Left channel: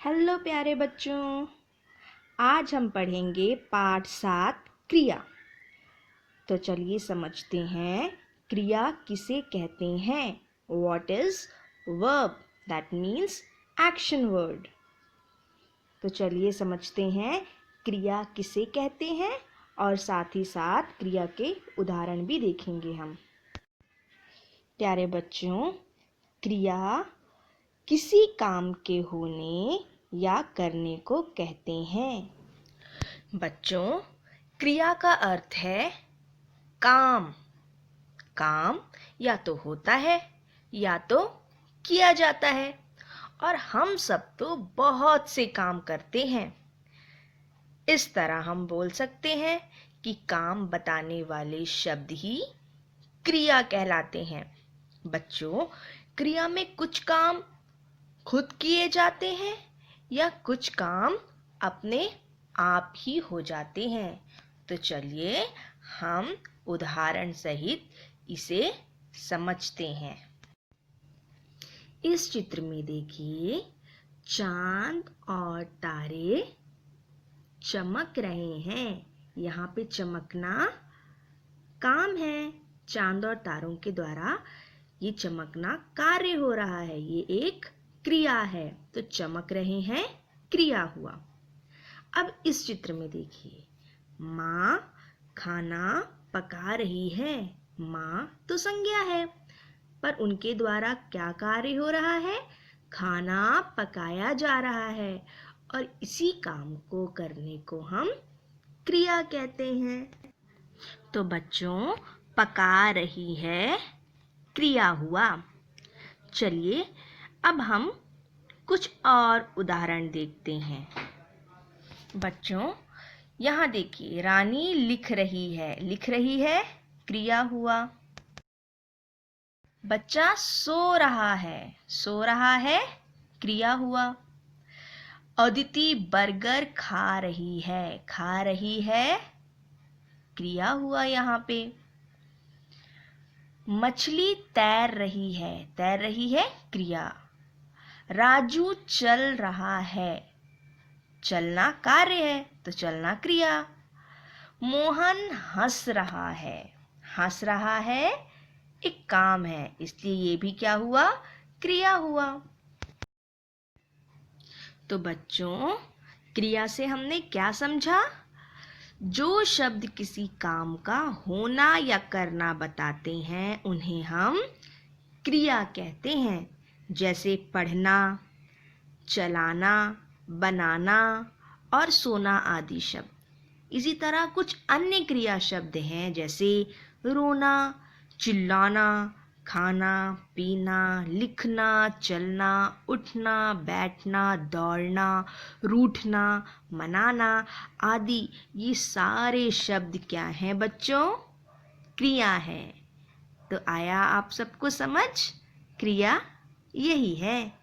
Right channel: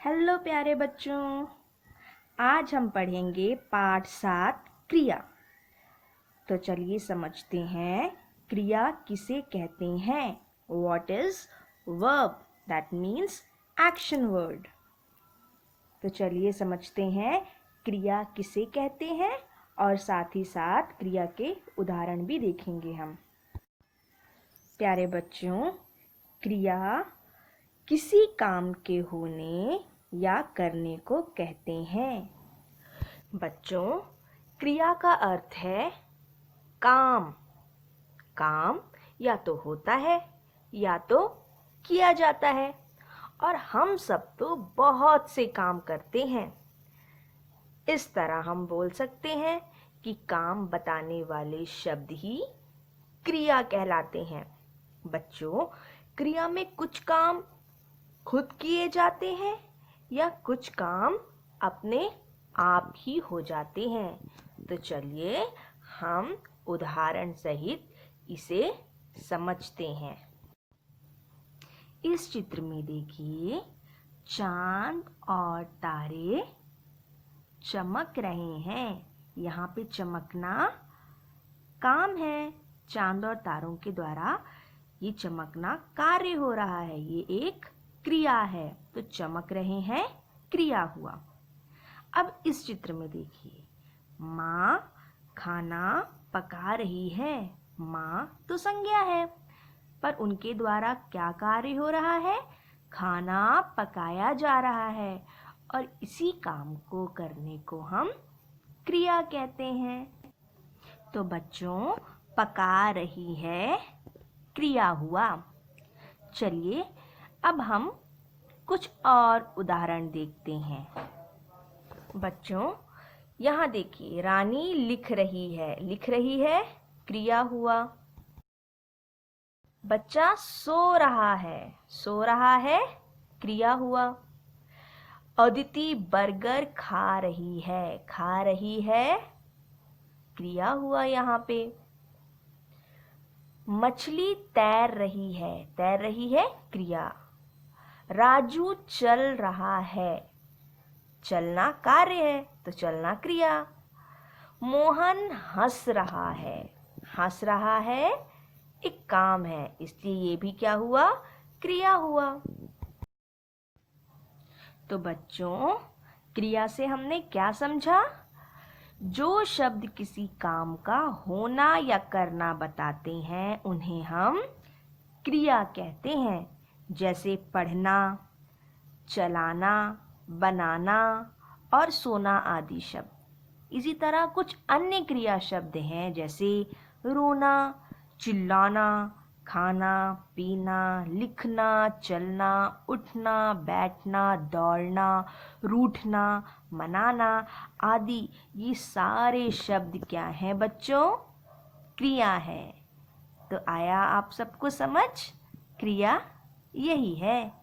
Hello प्यारे बच्चों, आज हम पढ़ेंगे पाठ 7 क्रिया। तो चलिए समझते हैं क्रिया किसे कहते हैं। What is verb? That means action word. तो चलिए समझते हैं क्रिया किसे कहते हैं और साथ ही साथ क्रिया के उदाहरण भी देखेंगे हम। प्यारे बच्चों, क्रिया किसी काम के होने या करने को कहते हैं। बच्चों, क्रिया का अर्थ है काम। काम या तो होता है या तो किया जाता है, और हम सब तो बहुत से काम करते हैं। इस तरह हम बोल सकते हैं कि काम बताने वाले शब्द ही क्रिया कहलाते हैं। बच्चों, क्रिया में कुछ काम खुद किए जाते हैं या कुछ काम अपने आप ही हो जाते हैं। तो चलिए हम उदाहरण सहित इसे समझते हैं। इस चित्र में देखिए, चांद और तारे चमक रहे हैं। यहाँ पे चमकना काम है। चांद और तारों के द्वारा ये चमकना कार्य हो रहा है, ये एक क्रिया है। तो चमक रहे हैं क्रिया हुआ। अब इस चित्र में देखिए, माँ खाना पका रही है। माँ तो संज्ञा है, पर उनके द्वारा क्या कार्य हो रहा है? खाना पकाया जा रहा है, और इसी काम को करने को हम क्रिया कहते हैं। तो बच्चों, पका रही है क्रिया हुआ। चलिए अब हम कुछ और उदाहरण देखते हैं। बच्चों, यहाँ देखिए, रानी लिख रही है। लिख रही है क्रिया हुआ। बच्चा सो रहा है। सो रहा है क्रिया हुआ। अदिति बर्गर खा रही है। खा रही है क्रिया हुआ यहाँ पे। मछली तैर रही है। तैर रही है क्रिया। राजू चल रहा है। चलना कार्य है, तो चलना क्रिया। मोहन हंस रहा है। हंस रहा है एक काम है, इसलिए ये भी क्या हुआ? क्रिया हुआ। तो बच्चों, क्रिया से हमने क्या समझा? जो शब्द किसी काम का होना या करना बताते हैं, उन्हें हम क्रिया कहते हैं। जैसे पढ़ना, चलाना, बनाना और सोना आदि शब्द। इसी तरह कुछ अन्य क्रिया शब्द हैं, जैसे रोना, चिल्लाना, खाना, पीना, लिखना, चलना, उठना, बैठना, दौड़ना, रूठना, मनाना आदि। ये सारे शब्द क्या हैं बच्चों? क्रिया है। तो आया आप सबको समझ? क्रिया यही है।